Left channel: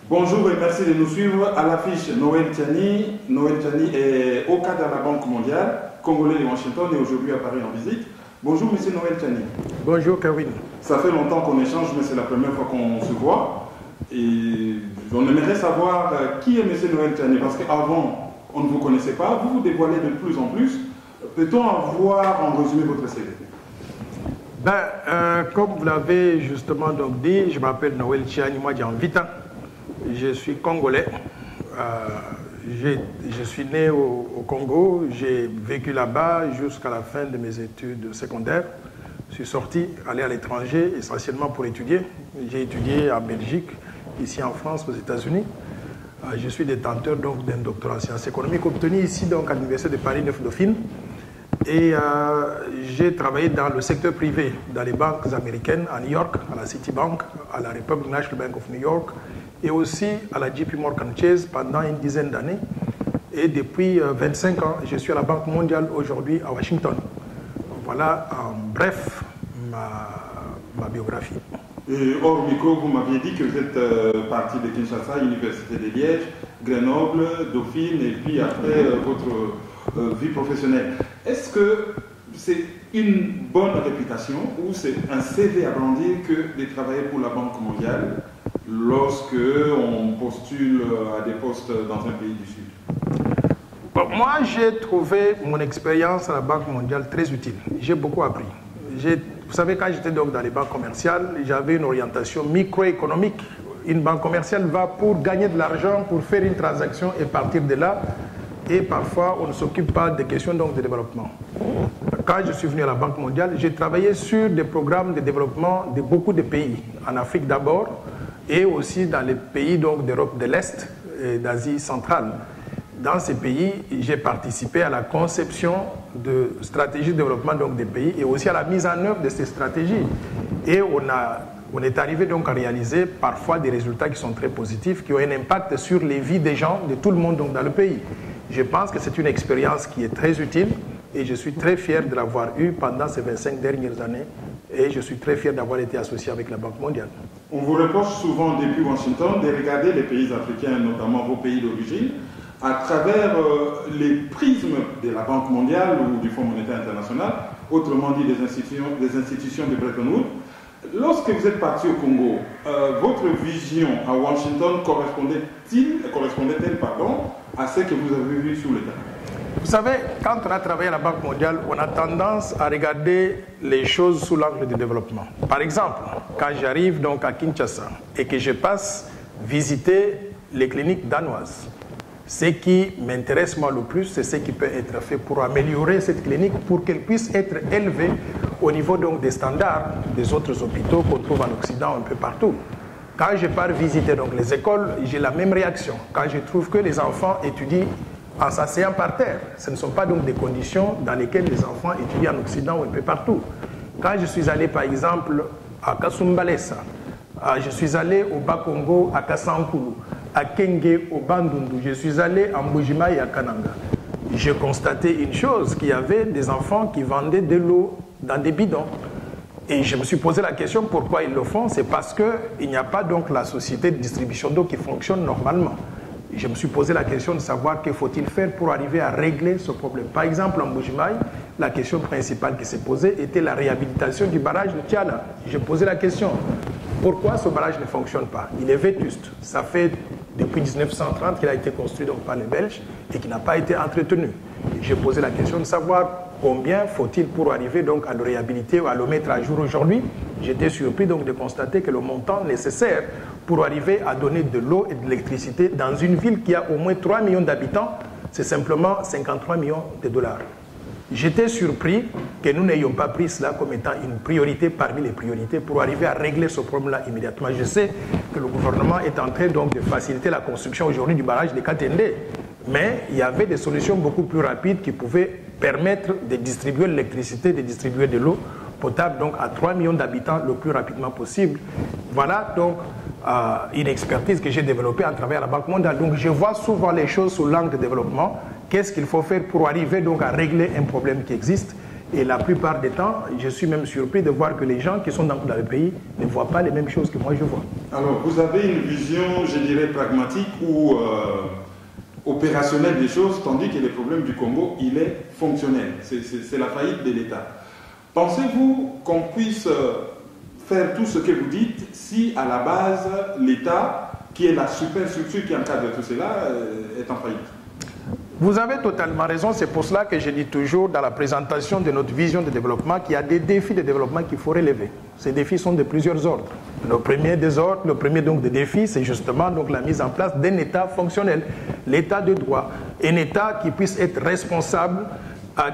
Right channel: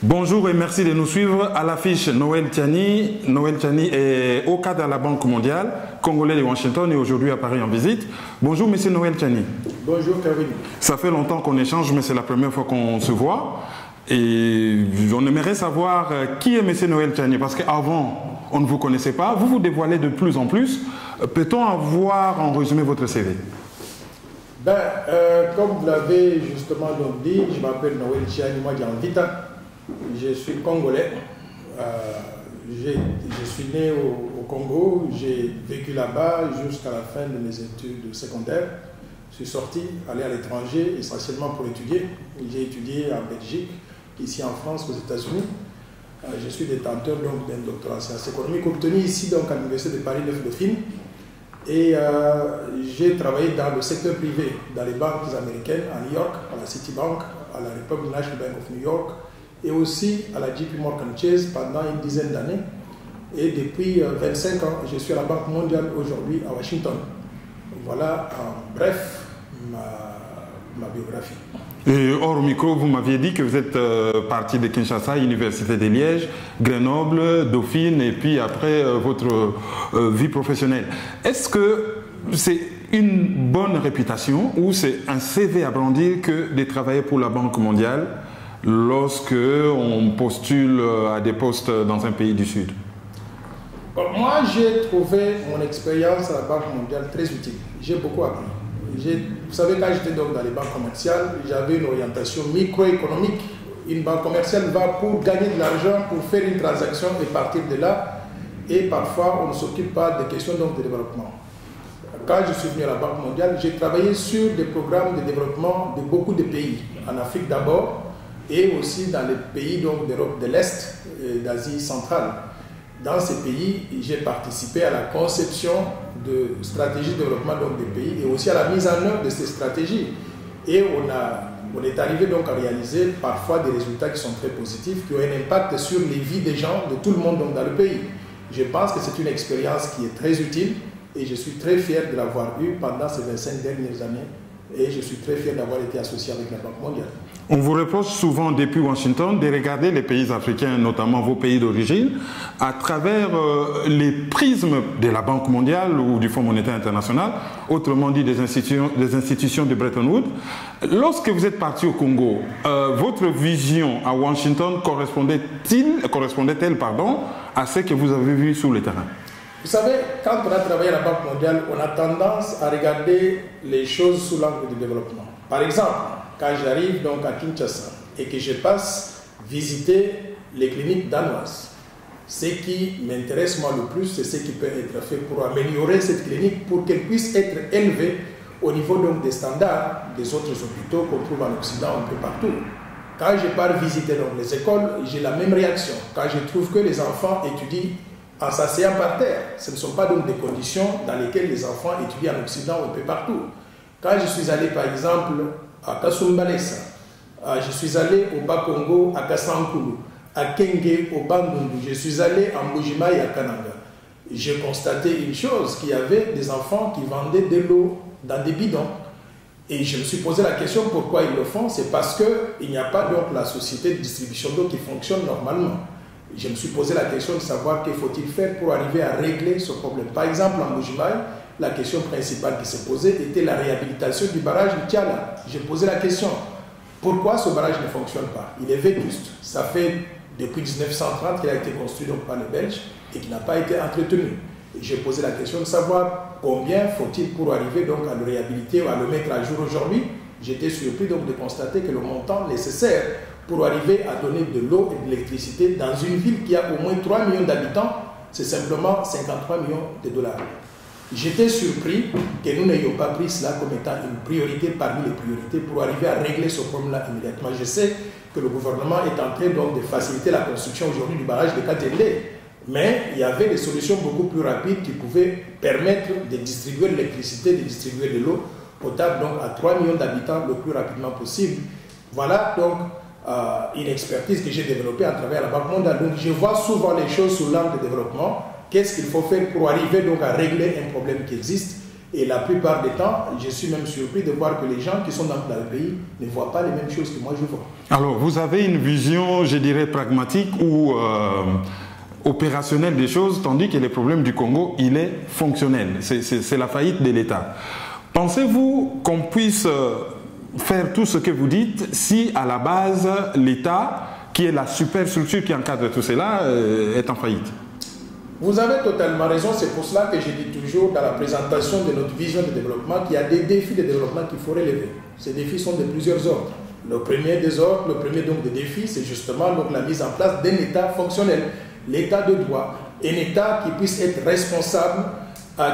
Bonjour et merci de nous suivre. À l'affiche, Noël Tiani. Noël Tiani est au cadre de la Banque mondiale, congolais de Washington et aujourd'hui à Paris en visite. Bonjour Monsieur Noël Tiani. Bonjour Kevin. Ça fait longtemps qu'on échange, mais c'est la première fois qu'on se voit. Et on aimerait savoir qui est Monsieur Noël Tiani, parce qu'avant, on ne vous connaissait pas. Vous vous dévoilez de plus en plus. Peut-on avoir en résumé votre CV? Comme vous l'avez justement donc dit, je m'appelle Noël Tiani, moi j'ai Vita. Je suis congolais. Je suis né au Congo. J'ai vécu là-bas jusqu'à la fin de mes études secondaires. Je suis sorti, allé à l'étranger, essentiellement pour étudier. J'ai étudié en Belgique, ici en France, aux États-Unis. Je suis détenteur d'un doctorat en sciences économiques obtenu ici donc, à l'Université de Paris 9 Dauphine. Et j'ai travaillé dans le secteur privé, dans les banques américaines, à New York, à la Citibank, à la Republic National Bank of New York, et aussi à la JP Morgan Chase pendant une dizaine d'années. Et depuis 25 ans, je suis à la Banque mondiale aujourd'hui à Washington. Voilà en bref ma biographie. Et hors micro, vous m'aviez dit que vous êtes parti de Kinshasa, Université de Liège, Grenoble, Dauphine, et puis après votre vie professionnelle. Est-ce que c'est une bonne réputation ou c'est un CV à brandir que de travailler pour la Banque mondiale lorsque on postule à des postes dans un pays du Sud? Moi, j'ai trouvé mon expérience à la Banque mondiale très utile. J'ai beaucoup appris. Vous savez, quand j'étais donc dans les banques commerciales, j'avais une orientation microéconomique. Une banque commerciale va pour gagner de l'argent, pour faire une transaction et partir de là. Et parfois, on ne s'occupe pas des questions donc, de développement. Quand je suis venu à la Banque mondiale, j'ai travaillé sur des programmes de développement de beaucoup de pays. En Afrique d'abord, et aussi dans les pays d'Europe de l'Est et d'Asie centrale. Dans ces pays, j'ai participé à la conception de stratégies de développement donc, des pays et aussi à la mise en œuvre de ces stratégies. Et on est arrivé donc à réaliser parfois des résultats qui sont très positifs, qui ont un impact sur les vies des gens, de tout le monde donc, dans le pays. Je pense que c'est une expérience qui est très utile et je suis très fier de l'avoir eue pendant ces 25 dernières années et je suis très fier d'avoir été associé avec la Banque mondiale. On vous reproche souvent depuis Washington de regarder les pays africains, notamment vos pays d'origine, à travers les prismes de la Banque mondiale ou du Fonds monétaire international, autrement dit des institutions de Bretton Woods. Lorsque vous êtes parti au Congo, votre vision à Washington correspondait-elle à ce que vous avez vu sur le terrain? Vous savez, quand on a travaillé à la Banque mondiale, on a tendance à regarder les choses sous l'angle du développement. Par exemple, quand j'arrive donc à Kinshasa et que je passe visiter les cliniques danoises, ce qui m'intéresse moi le plus, c'est ce qui peut être fait pour améliorer cette clinique, pour qu'elle puisse être élevée au niveau donc des standards des autres hôpitaux qu'on trouve en Occident un peu partout. Quand je pars visiter donc les écoles, j'ai la même réaction. Quand je trouve que les enfants étudient en s'asseyant par terre, ce ne sont pas donc des conditions dans lesquelles les enfants étudient en Occident ou un peu partout. Quand je suis allé par exemple à Kasumbalesa, je suis allé au Bas-Congo à Kassankulu, à Kenge au Bandundu, je suis allé à Mbujima et à Kananga. J'ai constaté une chose, qu'il y avait des enfants qui vendaient de l'eau dans des bidons. Et je me suis posé la question pourquoi ils le font. C'est parce qu'il n'y a pas donc la société de distribution d'eau qui fonctionne normalement. Je me suis posé la question de savoir qu'il faut-il faire pour arriver à régler ce problème. Par exemple, en Mbujimaï, la question principale qui s'est posée était la réhabilitation du barrage de Tiala. J'ai posé la question, pourquoi ce barrage ne fonctionne pas? Il est vétuste. Ça fait depuis 1930 qu'il a été construit donc, par les Belges et qui n'a pas été entretenu. J'ai posé la question de savoir combien faut-il pour arriver donc, à le réhabiliter ou à le mettre à jour aujourd'hui. J'étais surpris donc, de constater que le montant nécessaire pour arriver à donner de l'eau et de l'électricité dans une ville qui a au moins 3 millions d'habitants, c'est simplement 53 millions de dollars. J'étais surpris que nous n'ayons pas pris cela comme étant une priorité parmi les priorités pour arriver à régler ce problème-là immédiatement. Je sais que le gouvernement est en train donc de faciliter la construction aujourd'hui du barrage de Katende, mais il y avait des solutions beaucoup plus rapides qui pouvaient permettre de distribuer l'électricité, de distribuer de l'eau potable donc à 3 millions d'habitants le plus rapidement possible. Voilà donc une expertise que j'ai développée à travers la Banque mondiale. Donc je vois souvent les choses sous l'angle de développement. Qu'est-ce qu'il faut faire pour arriver donc à régler un problème qui existe? Et la plupart des temps, je suis même surpris de voir que les gens qui sont dans le pays ne voient pas les mêmes choses que moi je vois. Alors, vous avez une vision, je dirais, pragmatique ou opérationnelle des choses, tandis que le problème du Congo, il est fonctionnel. C'est la faillite de l'État. Pensez-vous qu'on puisse faire tout ce que vous dites si, à la base, l'État, qui est la superstructure qui encadre tout cela, est en faillite? Vous avez totalement raison, c'est pour cela que je dis toujours dans la présentation de notre vision de développement qu'il y a des défis de développement qu'il faut relever. Ces défis sont de plusieurs ordres. Le premier donc des défis, c'est justement donc la mise en place d'un État fonctionnel, l'État de droit, un État qui puisse être responsable,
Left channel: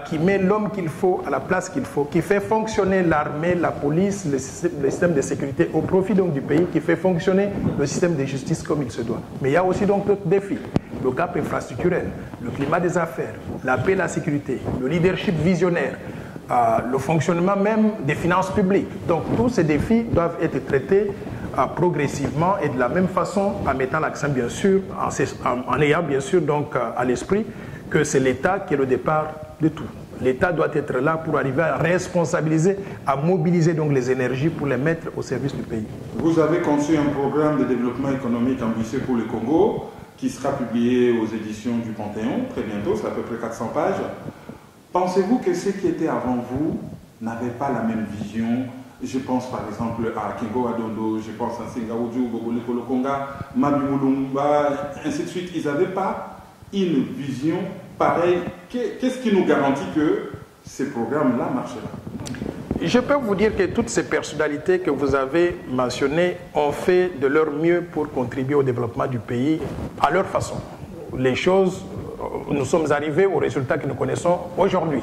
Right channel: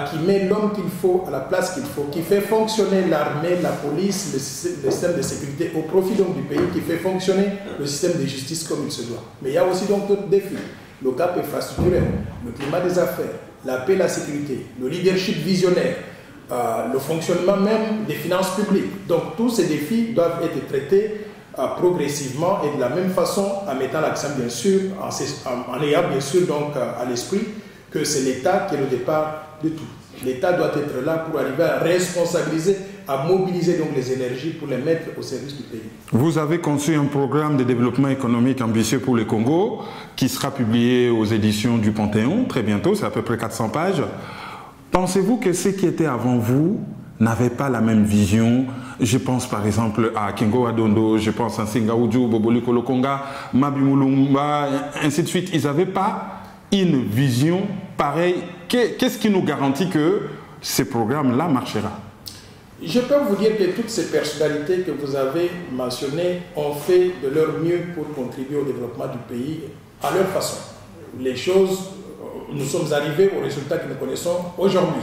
qui met l'homme qu'il faut à la place qu'il faut, qui fait fonctionner l'armée, la police, le système de sécurité au profit donc du pays, qui fait fonctionner le système de justice comme il se doit. Mais il y a aussi donc d'autres défis. Le gap infrastructurel, le climat des affaires, la paix et la sécurité, le leadership visionnaire, le fonctionnement même des finances publiques. Donc tous ces défis doivent être traités progressivement et de la même façon en mettant l'accent bien sûr, en ayant bien sûr donc à l'esprit que c'est l'État qui est le départ de tout. L'État doit être là pour arriver à responsabiliser, à mobiliser donc les énergies pour les mettre au service du pays. Vous avez conçu un programme de développement économique ambitieux pour le Congo qui sera publié aux éditions du Panthéon très bientôt, c'est à peu près 400 pages. Pensez-vous que ceux qui étaient avant vous n'avaient pas la même vision? Je pense par exemple à Kingo Adondo, je pense à Singaoudjou, Boboli Kolokonga, Mabi Moulumba, ainsi de suite. Ils n'avaient pas une vision pareille. Qu'est-ce qui nous garantit que ce programme-là marchera? Je peux vous dire que toutes ces personnalités que vous avez mentionnées ont fait de leur mieux pour contribuer au développement du pays à leur façon. Les choses, nous sommes arrivés aux résultats que nous connaissons aujourd'hui.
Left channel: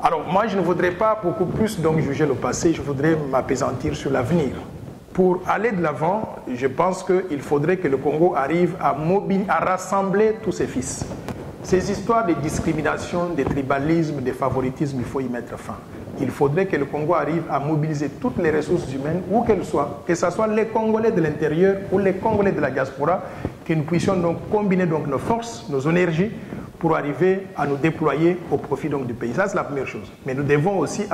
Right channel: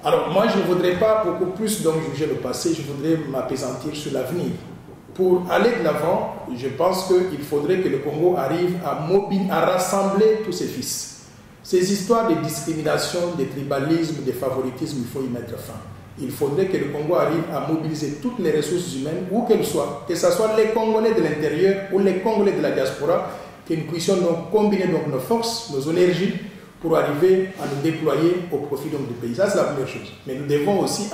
Alors moi, je ne voudrais pas beaucoup plus donc juger le passé, je voudrais m'appesantir sur l'avenir. Pour aller de l'avant, je pense qu'il faudrait que le Congo arrive à rassembler tous ses fils. Ces histoires de discrimination, de tribalisme, de favoritisme, il faut y mettre fin. Il faudrait que le Congo arrive à mobiliser toutes les ressources humaines, où qu'elles soient, que ce soit les Congolais de l'intérieur ou les Congolais de la diaspora, que nous puissions donc combiner donc nos forces, nos énergies, pour arriver à nous déployer au profit donc du pays. Ça, c'est la première chose. Mais nous devons aussi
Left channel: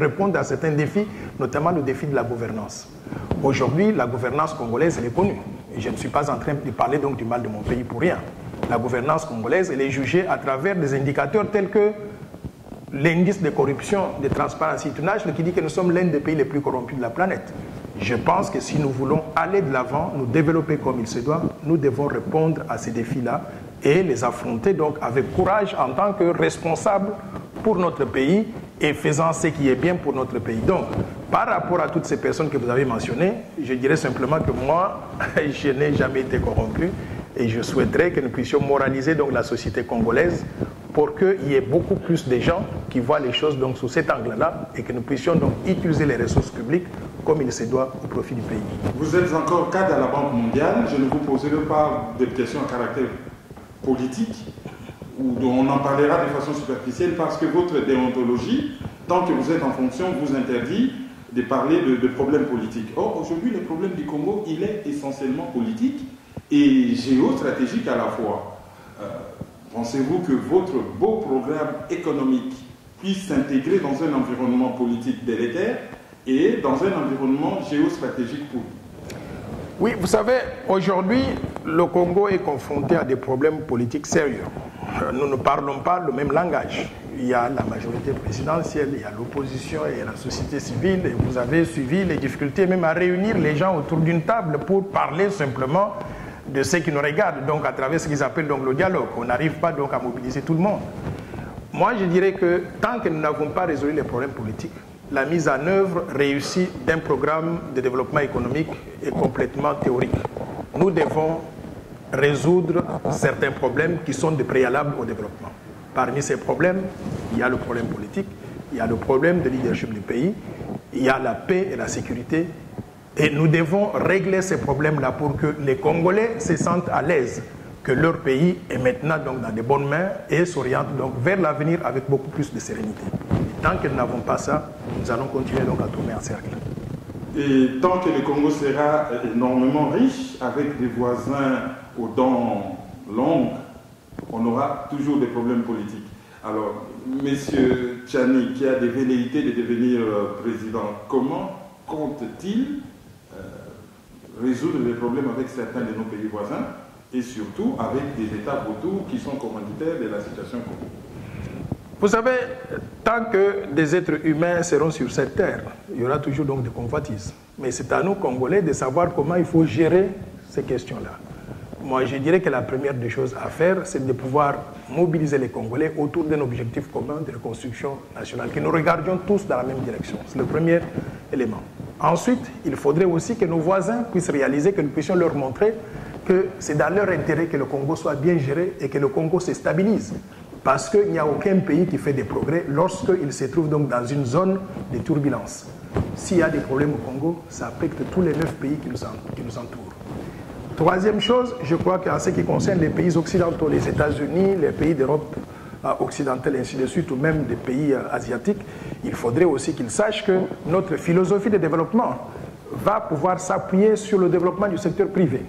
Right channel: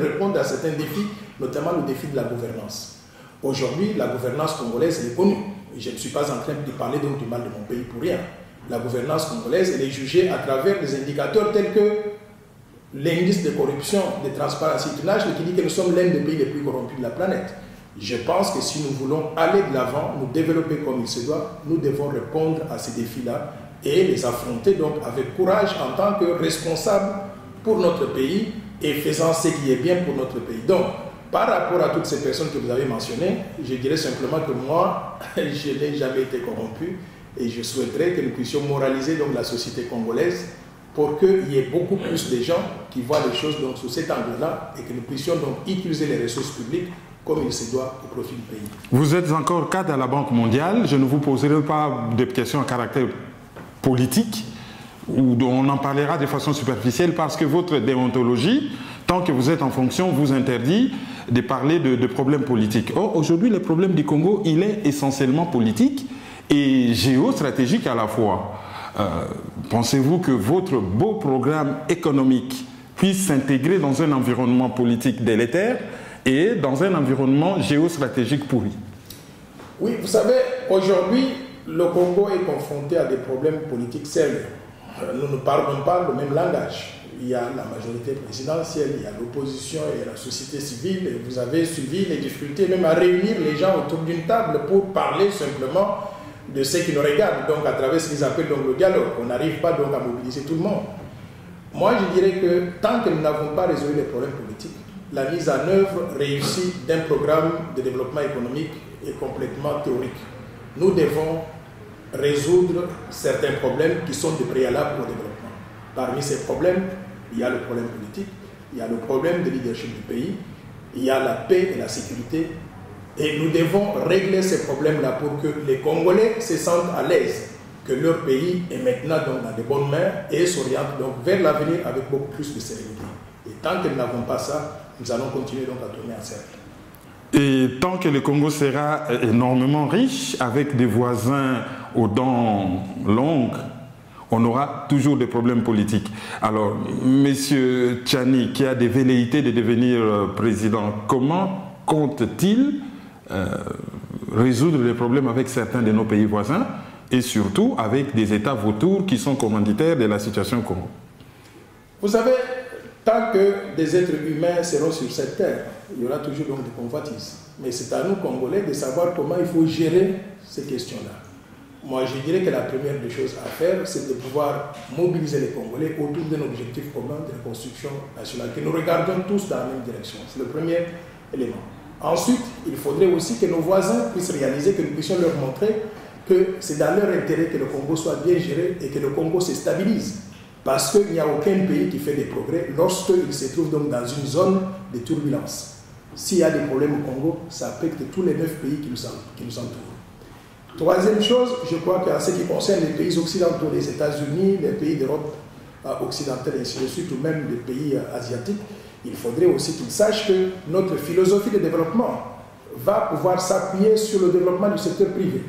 répondre à certains défis, notamment le défi de la gouvernance. Aujourd'hui, la gouvernance congolaise, elle est connue. Je ne suis pas en train de parler donc du mal de mon pays pour rien. La gouvernance congolaise, elle est jugée à travers des indicateurs tels que l'indice de corruption, de transparence internationale, qui dit que nous sommes l'un des pays les plus corrompus de la planète. Je pense que si nous voulons aller de l'avant, nous développer comme il se doit, nous devons répondre à ces défis-là et les affronter donc avec courage en tant que responsable pour notre pays et faisant ce qui est bien pour notre pays. Donc, par rapport à toutes ces personnes que vous avez mentionnées, je dirais simplement que moi, je n'ai jamais été corrompu et je souhaiterais que nous puissions moraliser donc la société congolaise pour qu'il y ait beaucoup plus de gens qui voient les choses donc sous cet angle-là et que nous puissions donc utiliser les ressources publiques comme il se doit au profit du pays. Vous êtes encore cadre à la Banque mondiale. Je ne vous poserai pas de questions à caractère politique, ou dont on en parlera de façon superficielle, parce que votre déontologie, tant que vous êtes en fonction, vous interdit de parler de problèmes politiques. Or, aujourd'hui, le problème du Congo, il est essentiellement politique et géostratégique à la fois. Pensez-vous que votre beau programme économique puisse s'intégrer dans un environnement politique délétère et dans un environnement géostratégique pourri? Oui, vous savez, aujourd'hui, le Congo est confronté à des problèmes politiques sérieux. Nous ne parlons pas le même langage. Il y a la majorité présidentielle, il y a l'opposition et la société civile. Et vous avez suivi les difficultés même à réunir les gens autour d'une table pour parler simplement de ce qui nous regarde, donc à travers ce qu'ils appellent donc le dialogue. On n'arrive pas donc à mobiliser tout le monde. Moi, je dirais que tant que nous n'avons pas résolu les problèmes politiques, la mise en œuvre réussie d'un programme de développement économique est complètement théorique. Nous devons résoudre certains problèmes qui sont des préalables au développement. Parmi ces problèmes, il y a le problème politique, il y a le problème de leadership du pays, il y a la paix et la sécurité. Et nous devons régler ces problèmes-là pour que les Congolais se sentent à l'aise, que leur pays est maintenant donc dans de bonnes mains et s'oriente donc vers l'avenir avec beaucoup plus de sérénité. Et tant que nous n'avons pas ça, nous allons continuer donc à tourner en cercle. Et tant que le Congo sera énormément riche, avec des voisins aux dents longues, on aura toujours des problèmes politiques. Alors, M. Tchani, qui a des velléités de devenir président, comment compte-t-il résoudre les problèmes avec certains de nos pays voisins et surtout avec des États vautours qui sont commanditaires de la situation au Congo? Vous savez, tant que des êtres humains seront sur cette terre, il y aura toujours donc des convoitises. Mais c'est à nous, Congolais, de savoir comment il faut gérer ces questions-là. Moi, je dirais que la première des choses à faire, c'est de pouvoir mobiliser les Congolais autour d'un objectif commun de reconstruction nationale, que nous regardons tous dans la même direction. C'est le premier élément. Ensuite, il faudrait aussi que nos voisins puissent réaliser, que nous puissions leur montrer que c'est dans leur intérêt que le Congo soit bien géré et que le Congo se stabilise. Parce qu'il n'y a aucun pays qui fait des progrès lorsqu'il se trouve donc dans une zone de turbulence. S'il y a des problèmes au Congo, ça affecte tous les 9 pays qui nous entourent. Troisième chose, je crois qu'en ce qui concerne les pays occidentaux, les États-Unis, les pays d'Europe occidentale et ainsi de suite, ou même des pays asiatiques, il faudrait aussi qu'ils sachent que notre philosophie de développement va pouvoir s'appuyer sur le développement du secteur privé.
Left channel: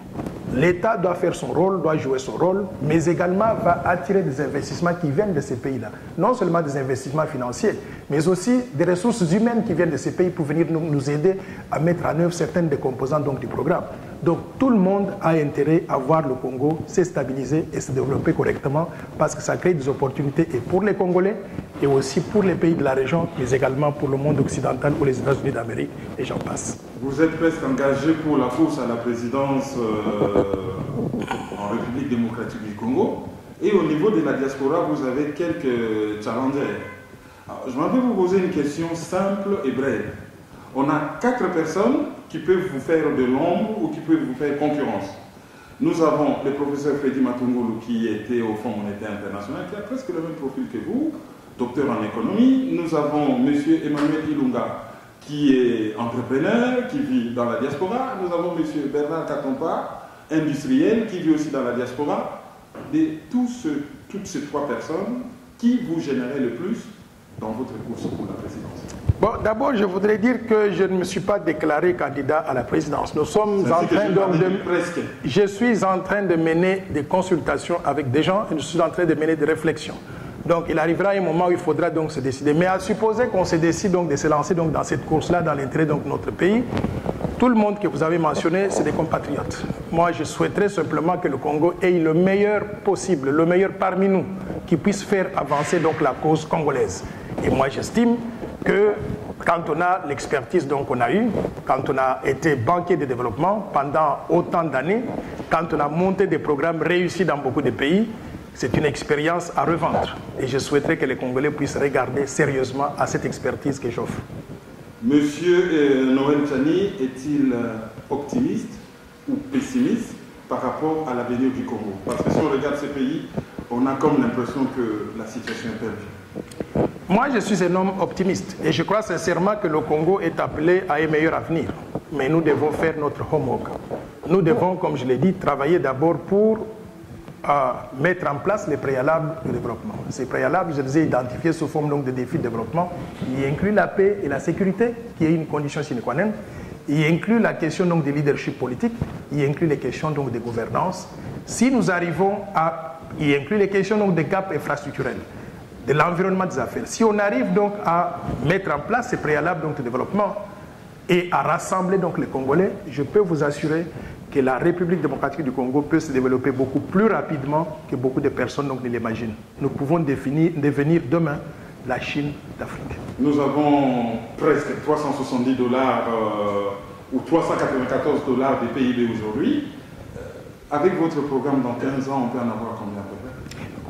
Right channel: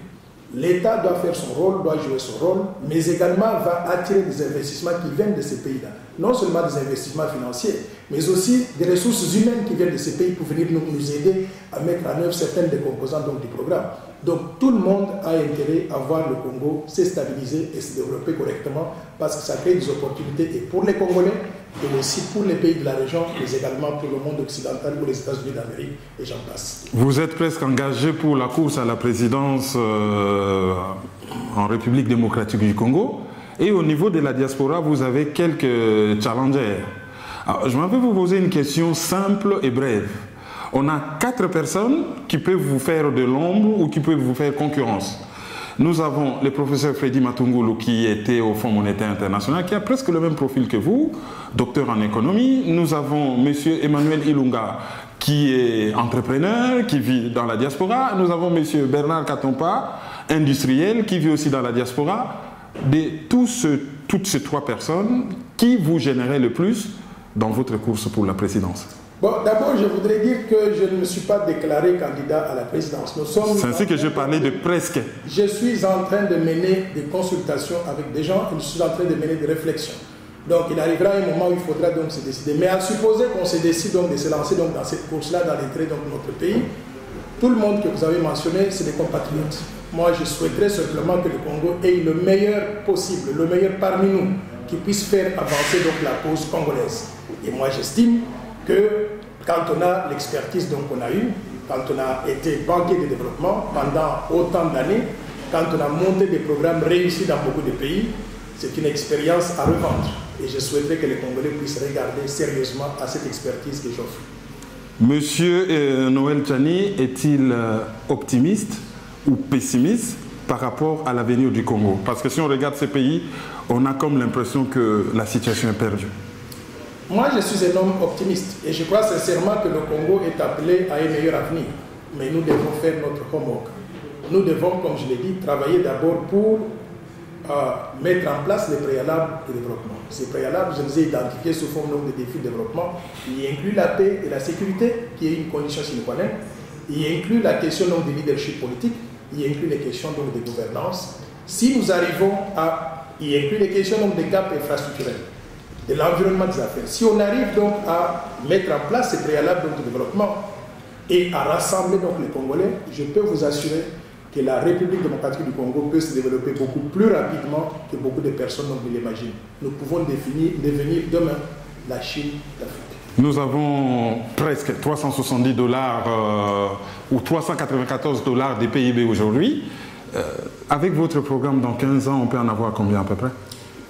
L'État doit faire son rôle, doit jouer son rôle, mais également va attirer des investissements qui viennent de ces pays-là. Non seulement des investissements financiers, mais aussi des ressources humaines qui viennent de ces pays pour venir nous aider à mettre en œuvre certaines des composantes donc, du programme. Donc tout le monde a intérêt à voir le Congo se stabiliser et se développer correctement parce que ça crée des opportunités et pour les Congolais et aussi pour les pays de la région, mais également pour le monde occidental, pour les États-Unis d'Amérique et j'en passe. Vous êtes presque engagé pour la course à la présidence en République démocratique du Congo et au niveau de la diaspora, vous avez quelques challengers. Alors, je m'avais vous poser une question simple et brève. On a 4 personnes qui peuvent vous faire de l'ombre ou qui peuvent vous faire concurrence. Nous avons le professeur Freddy Matungulu qui était au Fonds monétaire international, qui a presque le même profil que vous, docteur en économie. Nous avons M. Emmanuel Ilunga qui est entrepreneur, qui vit dans la diaspora. Nous avons M. Bernard Katompa, industriel, qui vit aussi dans la diaspora. De toutes ces 3 personnes, qui vous gênerait le plus dans votre course pour la présidence? Bon, d'abord, je voudrais dire que je ne me suis pas déclaré candidat à la présidence. Nous sommes c'est ainsi que j'ai parlé de presque. Je suis en train de mener des consultations avec des gens et je suis en train de mener des réflexions. Donc, il arrivera un moment où il faudra donc se décider. Mais à supposer qu'on se décide donc de se lancer donc dans cette course-là, dans l'intérêt de notre pays, tout le monde que vous avez mentionné, c'est des compatriotes. Moi, je souhaiterais simplement que le Congo ait le meilleur possible, le meilleur parmi nous, qui puisse faire avancer donc la cause congolaise. Et moi, j'estime que quand on a l'expertise qu'on a eue, quand on a été banquier de développement pendant autant d'années, quand on a monté des programmes réussis dans beaucoup de pays, c'est une expérience à revendre. Et je souhaiterais que les Congolais puissent regarder sérieusement à cette expertise que j'offre. Monsieur Noël Tchani est-il optimiste ou pessimiste par rapport à l'avenir du Congo? Parce que si on regarde ces pays, on a comme l'impression que la situation est perdue. Moi, je suis un homme optimiste et je crois sincèrement que le Congo est appelé à un meilleur avenir. Mais nous devons faire notre homework. Nous devons, comme je l'ai dit, travailler d'abord pour mettre en place les préalables de développement. Ces préalables, je les ai identifiés sous forme de défis de développement. Il inclut la paix et la sécurité, qui est une condition sine qua non. Il inclut la question de leadership politique. Il inclut les questions de gouvernance. Si nous arrivons à... Il inclut les questions de gaps infrastructurels, de l'environnement des affaires. Si on arrive donc à mettre en place ces préalables de développement et à rassembler donc les Congolais, je peux vous assurer que la République démocratique du Congo peut se développer beaucoup plus rapidement que beaucoup de personnes ne l'imaginent. Nous pouvons devenir demain la Chine d'Afrique. Nous avons presque 370 $ ou 394 $ des PIB aujourd'hui. Avec votre programme dans 15 ans, on peut en avoir combien à peu près?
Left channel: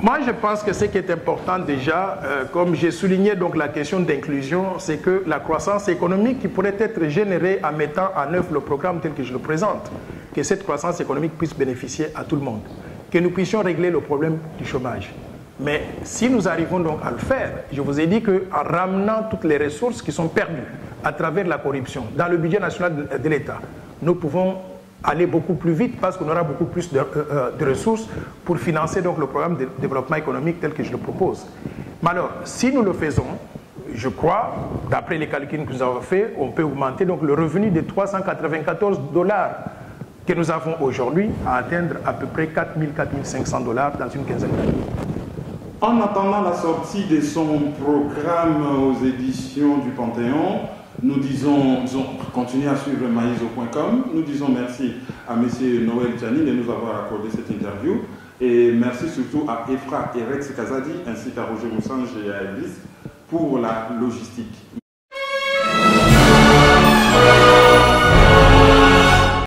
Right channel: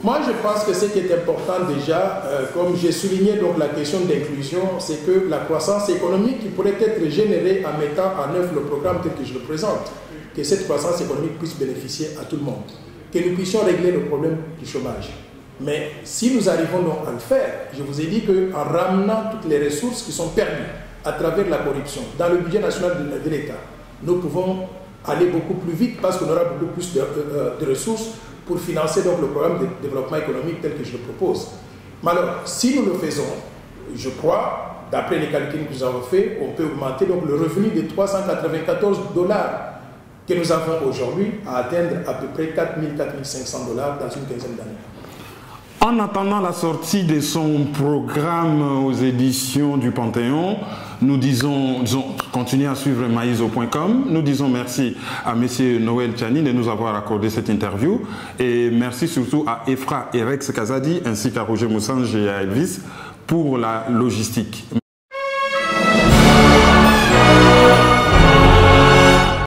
Moi, je pense que ce qui est important déjà, comme j'ai souligné donc la question d'inclusion, c'est que la croissance économique qui pourrait être générée en mettant en œuvre le programme tel que je le présente, que cette croissance économique puisse bénéficier à tout le monde, que nous puissions régler le problème du chômage. Mais si nous arrivons donc à le faire, je vous ai dit qu'en ramenant toutes les ressources qui sont perdues à travers la corruption dans le budget national de l'État, nous pouvons aller beaucoup plus vite parce qu'on aura beaucoup plus de ressources pour financer donc le programme de développement économique tel que je le propose. Mais alors, si nous le faisons, je crois, d'après les calculs que nous avons faits, on peut augmenter donc le revenu de 394 $ que nous avons aujourd'hui à atteindre à peu près 4 000, 4 500 $ dans une quinzaine d'années. En attendant la sortie de son programme aux éditions du Panthéon, nous disons continuez à suivre maïso.com. Nous disons merci à M. Noël Tchani de nous avoir accordé cette interview. Et merci surtout à Efra et Rex Kazadi ainsi qu'à Roger Moussange et à Elvis pour la logistique.